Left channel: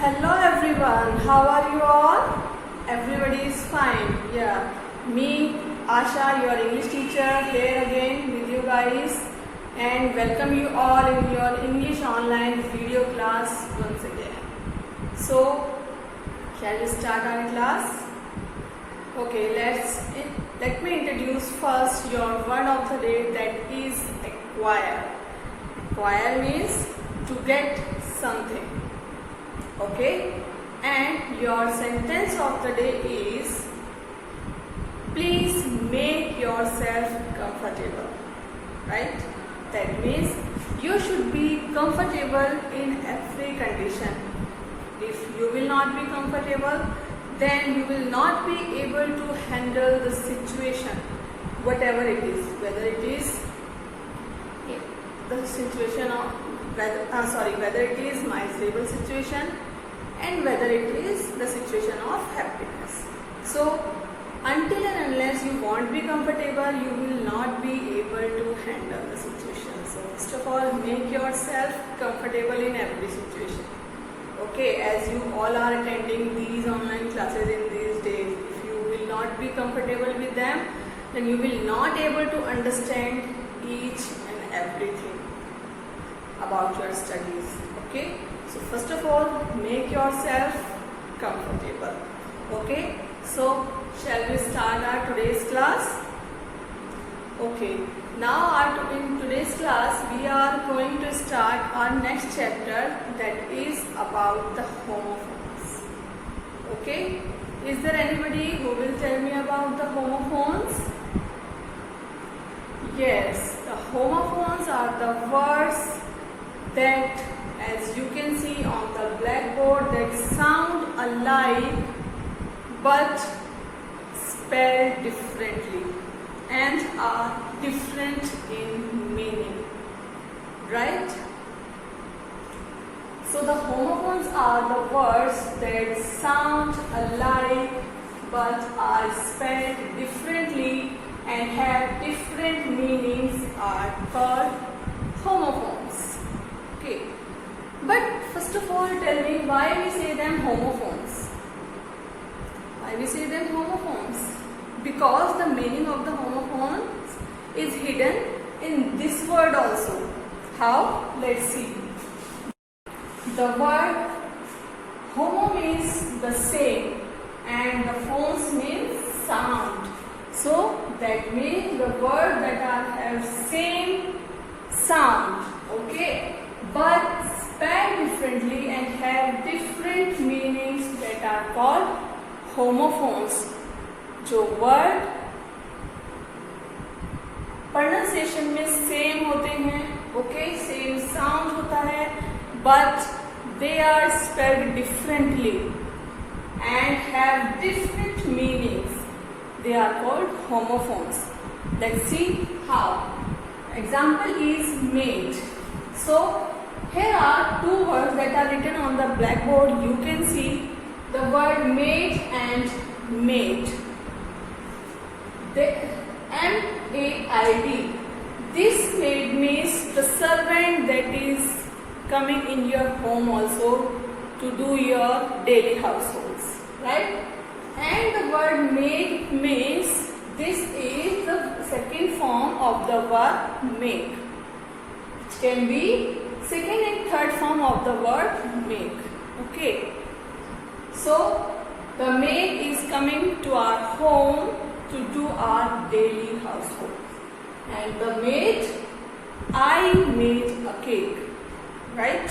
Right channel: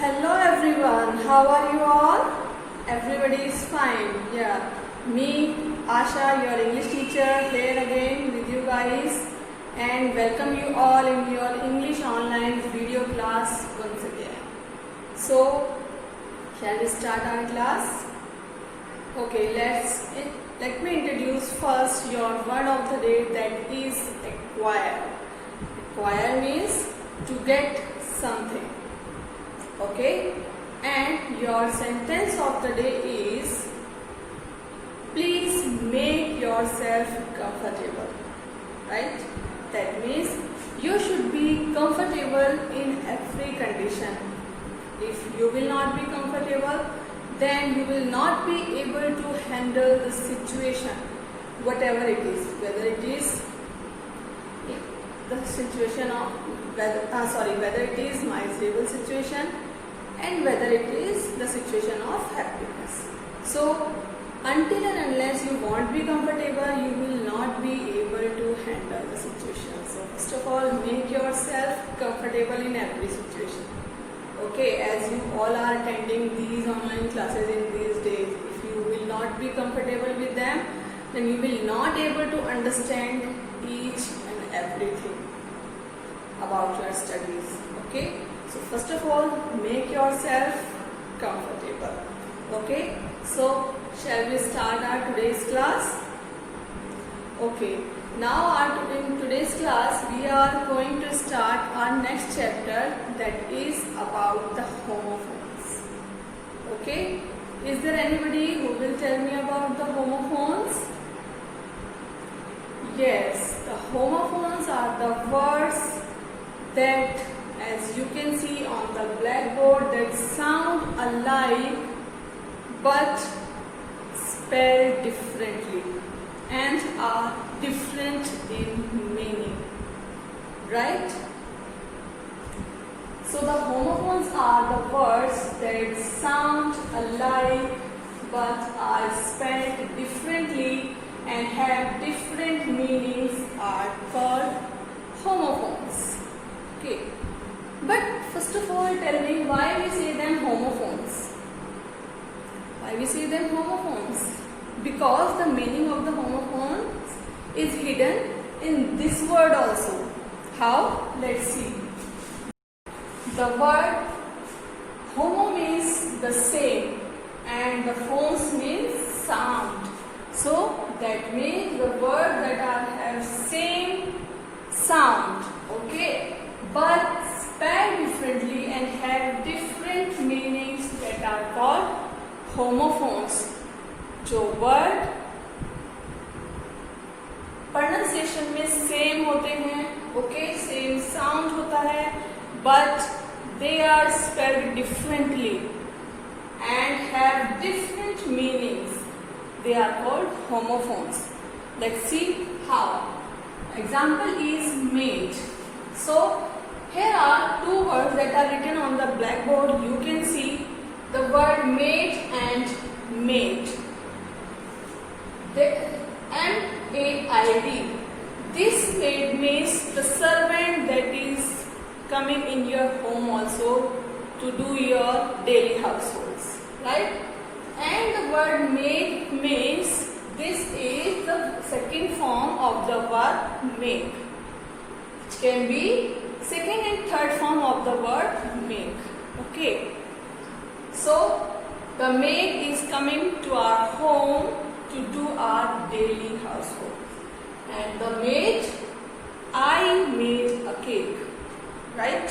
Hello everyone, how are you all? Everybody is fine. Yeah, me, Asha, your English teacher, here again with you guys and welcome you all in your English online video class once again. So, shall we start our class? Okay, let me introduce first your word of the day, that is acquire. Acquire means to get something. Okay, and your sentence of the day is, please make yourself comfortable. Right? That means you should be comfortable in every condition. If you will not be comfortable, then you will not be able to handle the situation, whatever it is, whether it is the situation of whether it is miserable situation and whether it is the situation of happiness. So until and unless you won't be comfortable, you will not be able to handle the situation. So first of all, make yourself comfortable in every situation. Okay, as you all are attending these online classes in these days, if you will not be comfortable with them, then you will not able to understand each and everything about your studies. Okay, so first of all, make yourself comfortable. Okay, so shall we start our today's class? Okay, now in today's class we are going to start our next chapter, that is about the homophones. Okay, is there anybody who will tell me about the homophones? Yes, the homophones are the words that, as you can see on the blackboard, that sound alike but spelled differently and are different in meaning, right? So the homophones are the words that sound alike but are spelled differently and have different meanings are called homophones. Okay, but first of all, tell me why we say them homophones. Why we say them homophones? Because the meaning of the homophones is hidden in this word also. How? Let's see. The word homo means the same and the phones means sound. So that means the word that have same sound, okay, but spelled differently and have different meanings, that are called homophones. जो word pronunciation में same होते हैं, okay, same sound होता है, but they are spelled differently and have different meanings, they are called homophones. Let's see how. Example is mate. So here are two words that are written on the blackboard. You can see the word mate and mate. The M-A-I-D. This mate means the servant that is coming in your home also to do your daily households, right? And the word mate means this is the second form of the verb make. It can be second and third form of the word make. Okay. So the maid is coming to our home to do our daily household. And the maid, I made a cake. Right?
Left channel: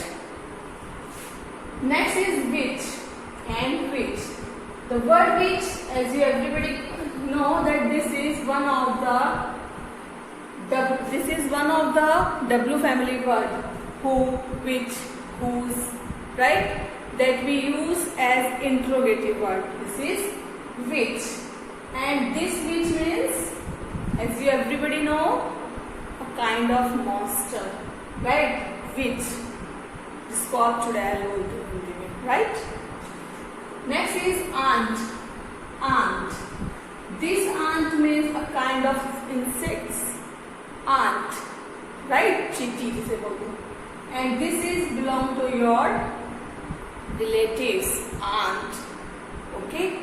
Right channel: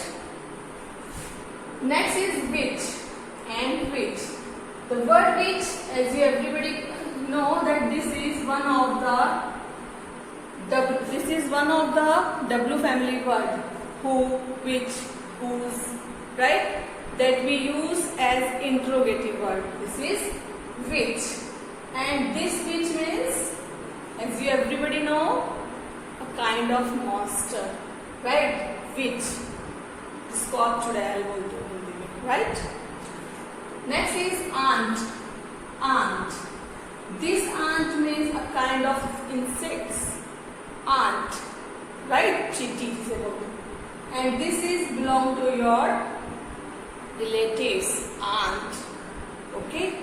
Next is which and which. The word which, as you everybody know, that this is one of the W family word. Who, which, whose, right? That we use as interrogative word. This is which. And this which means, as you everybody know, a kind of monster, right? Which. जिसको आप चुड़ैल बोलते हो, right? Next is ant. Ant. This ant means a kind of insects. Ant, right? Chitty जिसे बोलते हैं. And this is belong to your relatives, aunt. Okay.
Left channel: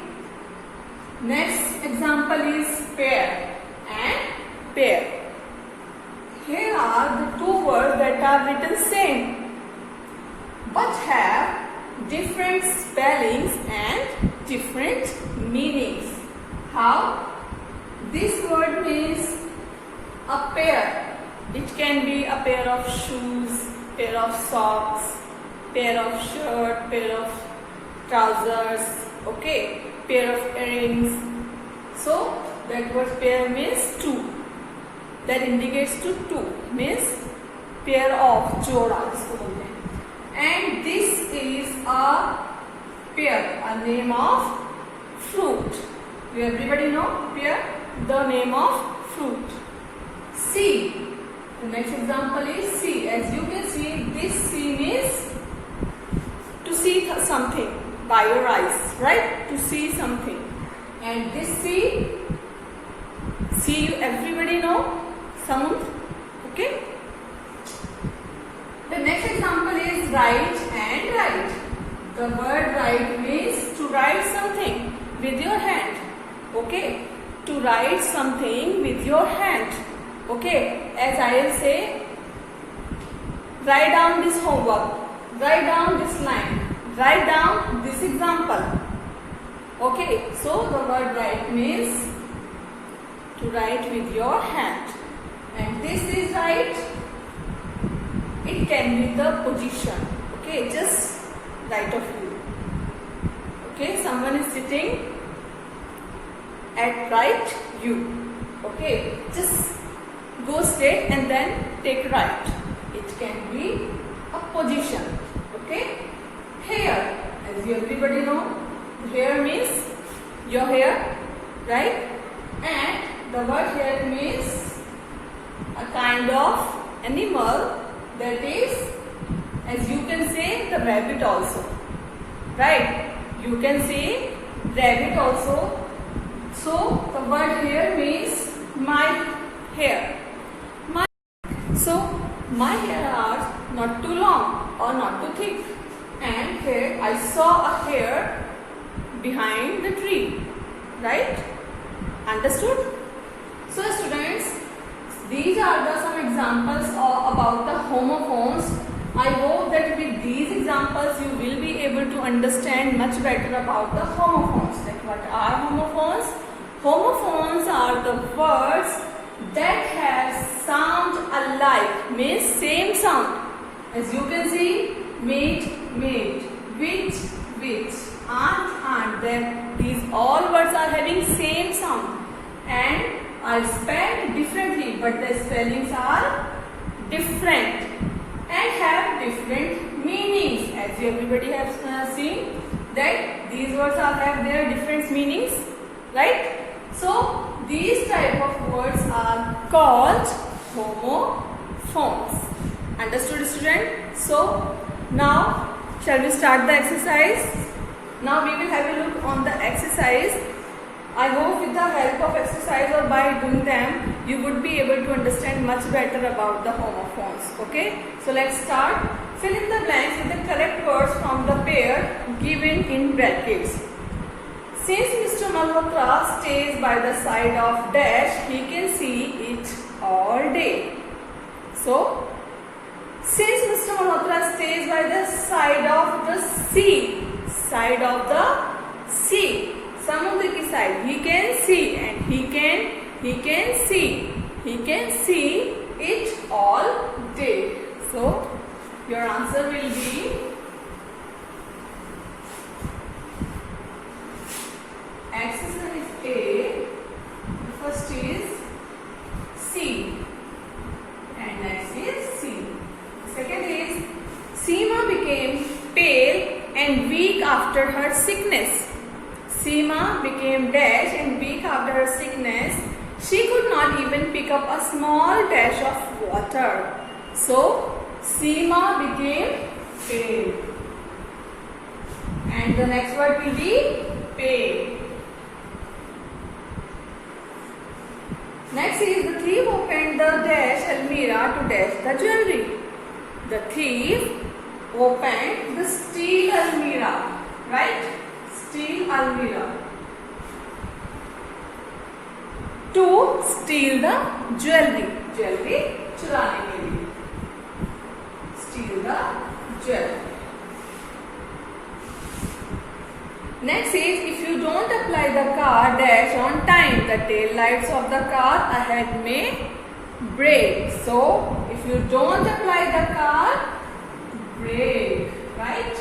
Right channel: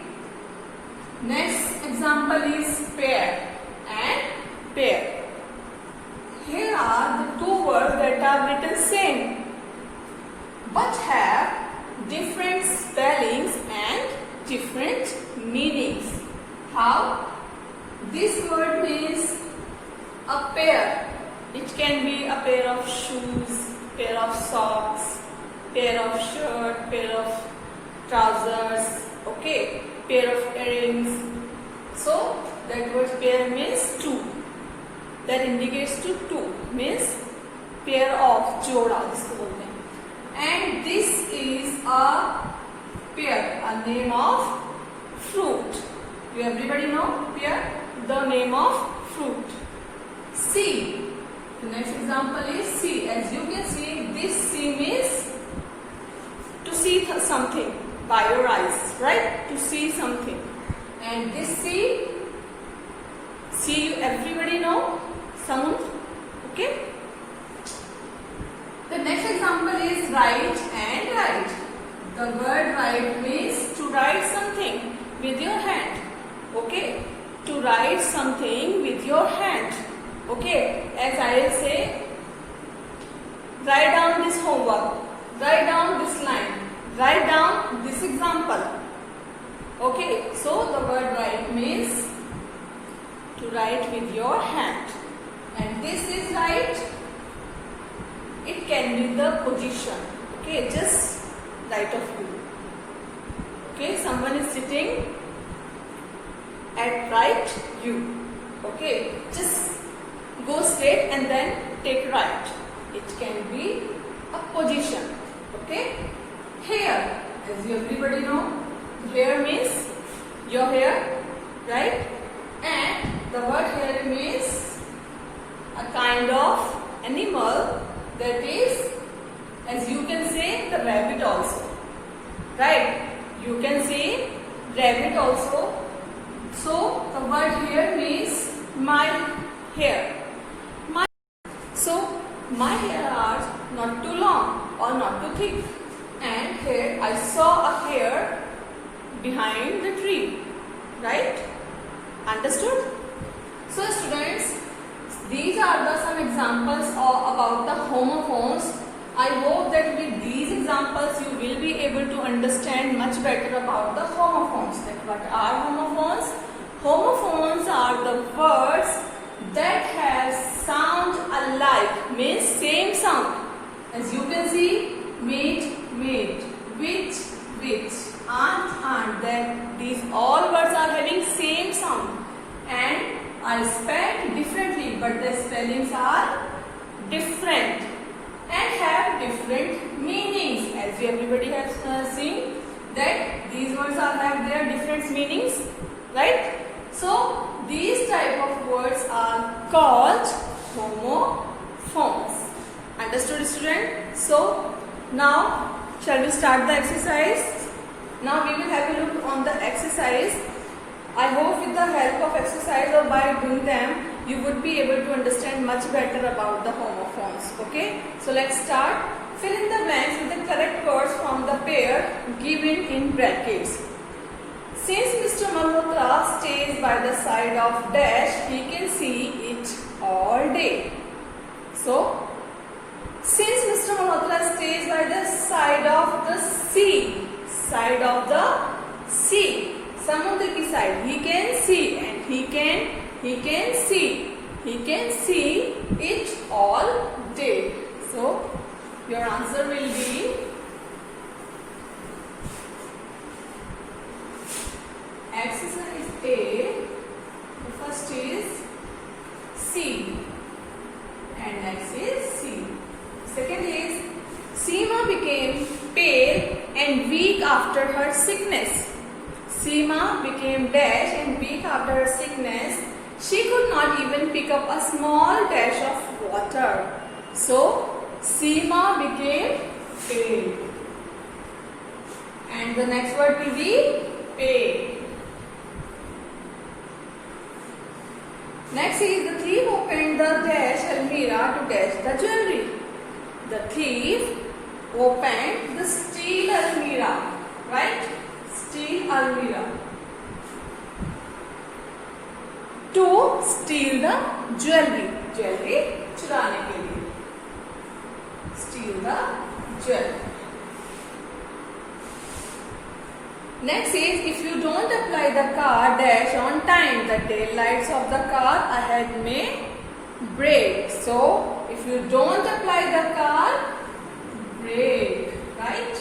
Next example is pair and pair. Here are the two words that are written same but have different spellings and different meanings. How? This word means a pair. It can be a pair of shoes, pair of socks, pair of shirt, pair of trousers, okay, pair of earrings. So that word pair means two. That indicates to two, means pair of, जोड़ा जिसको बोलते हैं. And this is a pear, a name of fruit. You everybody know pear, the name of fruit. C. The next example is C. As you can see, this C means to see something by your eyes, right? To see something. And this C everybody know sound, okay? The next example is write and write. The word write means to write something with your hand, okay? To write something with your hand, okay? As I will say, write down this homework, write down this line, write down this example, okay? So the word write means to write with your hand. And this is write. It can be the position, okay, just right of you. Okay, someone is sitting at right view, okay, just go straight and then take right. It can be a position, okay. Hair, as you everybody know, hair means your hair, right? And the word hair means a kind of animal. That is, as you can say, the rabbit also, right? You can say rabbit also. So the word here means my hair. So my hair are not too long or not too thick. And here I saw a hair behind the tree, right? Understood? So students, these are some examples about the homophones. I hope that with these examples you will be able to understand much better about the homophones. Like what are homophones? Homophones are the words that have sound alike, means same sound. As you can see, mate, mate, which, aunt. Then these all words are having same sound and are spelled differently, but the spellings are different and have different meanings. As you everybody has seen that these words have their different meanings, right? So these type of words are called homophones. Understood, student? So now shall we start the exercise? Now we will have a look on the exercise. I hope with the help of exercise or by doing them, you would be able to understand much better about the homophones. Okay? So let's start. Fill in the blanks with the correct words from the pair given in brackets. Since Mr. Malhotra stays by the side of dash, he can see it all day. So, since Mr. Malhotra stays by the side of the sea, samudra ki side, he can see and he can see it all day. So your answer will be exercise A. The first is C and next is C. Second is Seema became pale and weak after her sickness. Seema became dash and weak after her sickness. She could not even pick up a small dash of water. So, Seema became pale. And the next word will be pale. Next is the thief opened the dash almirah to dash the jewelry. The thief opened the steel almirah. To steal the jewellery, jewellery चुराने के लिए, steal the jewellery. Next is, if you don't apply the car dash on time, the tail lights of the car ahead may break. So, if you don't apply the car, break, right?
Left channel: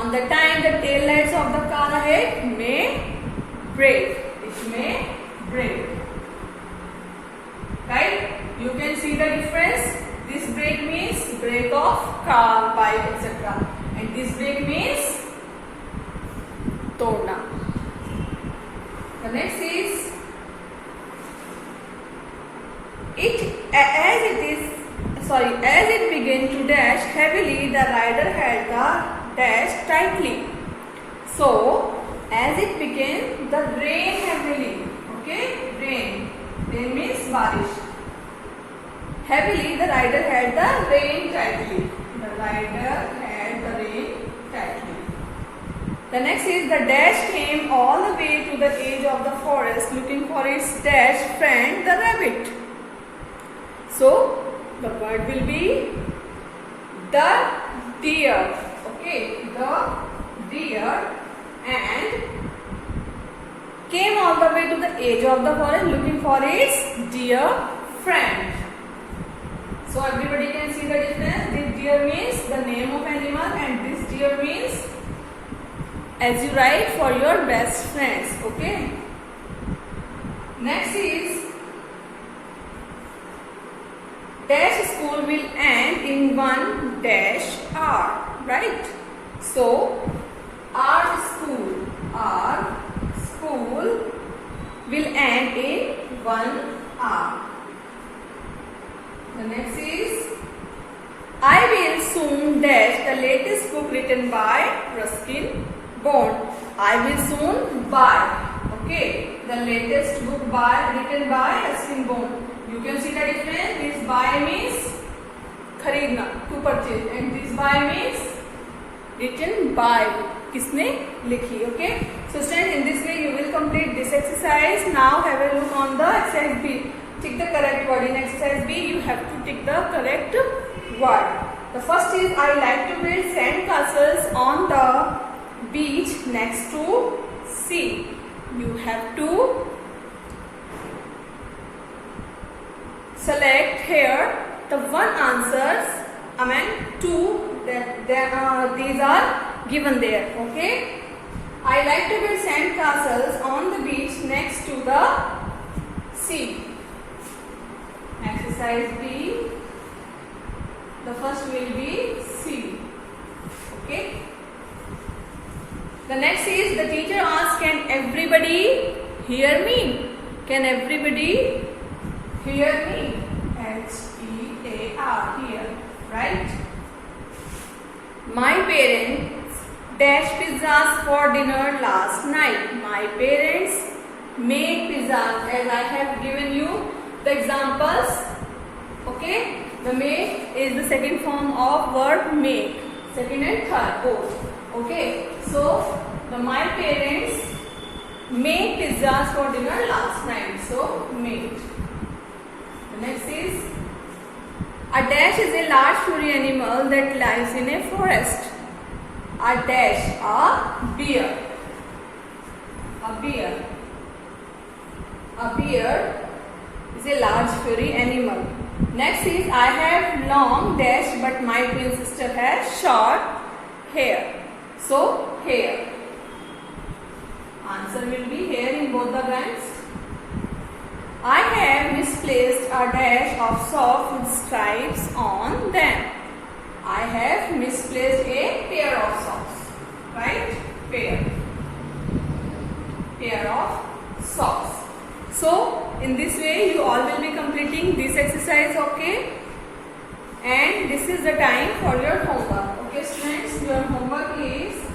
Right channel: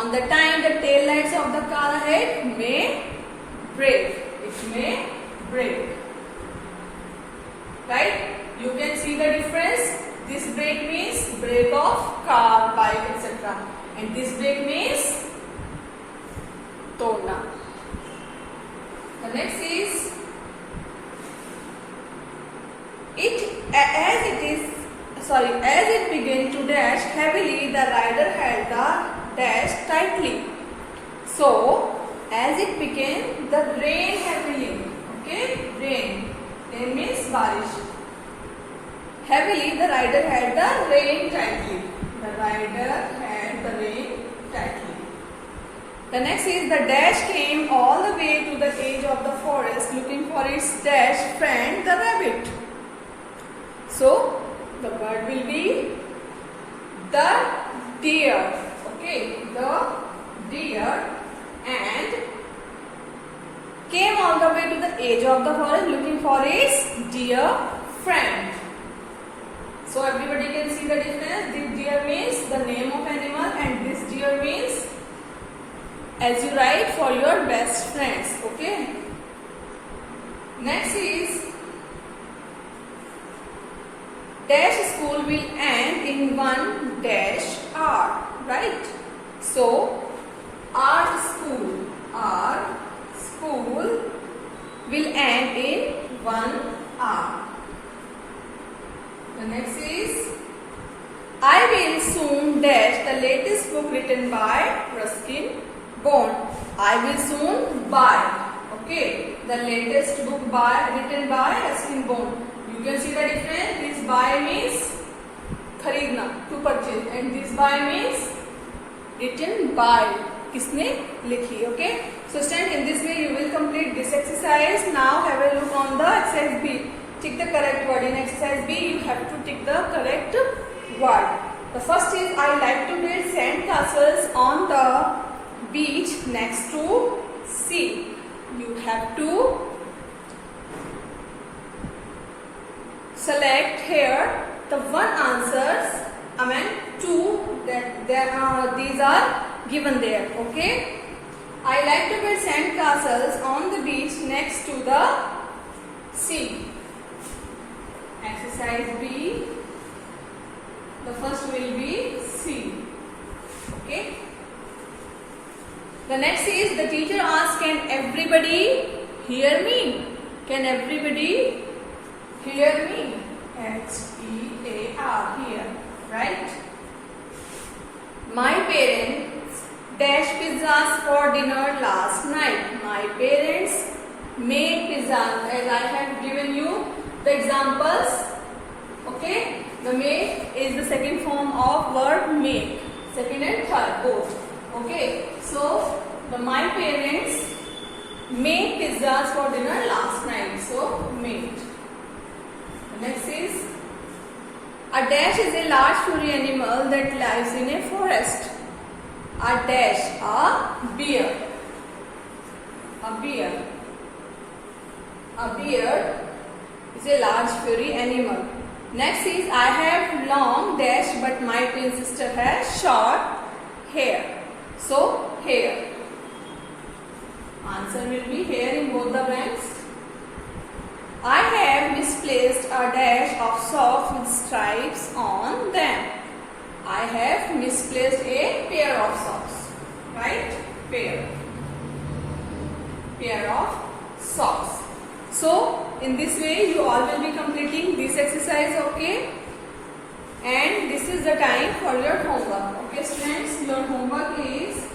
On the time, the tail lights of the car ahead may break. It may break, right? You can see the difference. This brake means brake of car, bike, etc. And this brake means todna. The next is, as it began to dash heavily, the rider held the dash tightly. So, as it began, the rain heavily. Okay, rain means barish. Heavily, the rider held the rein tightly. The rider held the rein tightly. The next is, the dash came all the way to the edge of the forest looking for its dash friend, the rabbit. So, the word will be the deer. Okay, the deer, and came all the way to the edge of the forest looking for its dear friend. So everybody can see the difference. This deer means the name of animal, and this deer means as you write for your best friends. Okay. Next is, dash school will end in one dash hour, right? So our school will end in 1 hour. The next is, I will soon dash the latest book written by Ruskin Bond. I will soon buy. Okay, the latest book written by Ruskin Bond. You can see the difference. This buy means खरीदना, to purchase, and this buy means written by, किसने लिखी. Okay, so students, in this way you will complete this exercise. Now have a look on the exercise B. Tick the correct word. In exercise B, you have to tick the correct word. The first is, I like to build sand castles on the beach next to sea. You have to select here the one answers, two that these are given there. Okay, I like to build sand castles on the beach next to the sea. Exercise B, the first will be C. Okay. The next is, the teacher asks, can everybody hear me? Can everybody hear me? H-E-A-R, hear, right? My parents dashed pizzas for dinner last night. My parents made pizzas, as I have given you the examples. Okay, the make is the second form of word make, second and third both. Okay, so the my parents made pizzas for dinner last night. So made. The next is, a dash is a large furry animal that lives in a forest. A dash, a bear. A bear. A bear is a large furry animal. Next is, I have long dash but my twin sister has short hair. So hair. Answer will be hair in both the blanks. I have misplaced a dash of socks with stripes on them. I have misplaced a pair of socks. Right? Pair of socks. So, in this way you all will be completing this exercise, okay? And this is the time for your homework. Okay students, your homework is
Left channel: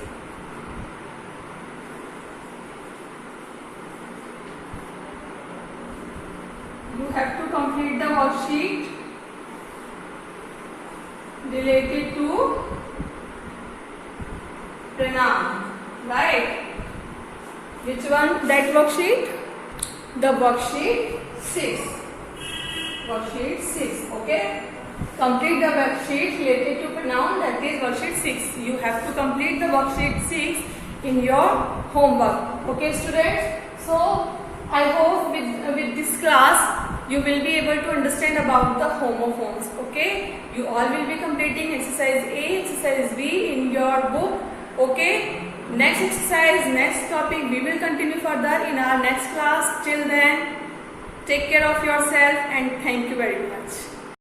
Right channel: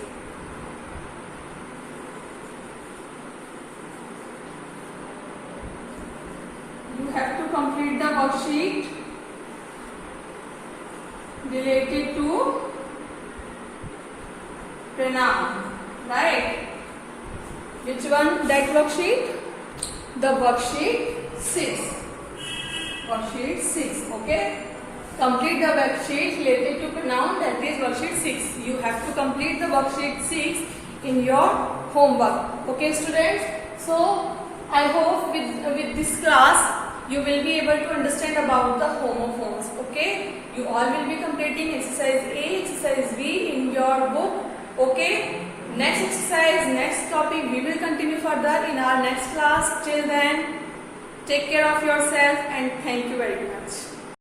you have to complete the worksheet related to pronoun, right? Which one? That worksheet? The worksheet 6. Worksheet 6. Okay. Complete the worksheet related to pronoun, that is worksheet 6. You have to complete the worksheet 6 in your homework. Okay, students? So, I hope with this class you will be able to understand about the homophones. Okay? You all will be completing exercise A, exercise B in your book. Okay? Next exercise, next topic, we will continue further in our next class. Till then, take care of yourself and thank you very much.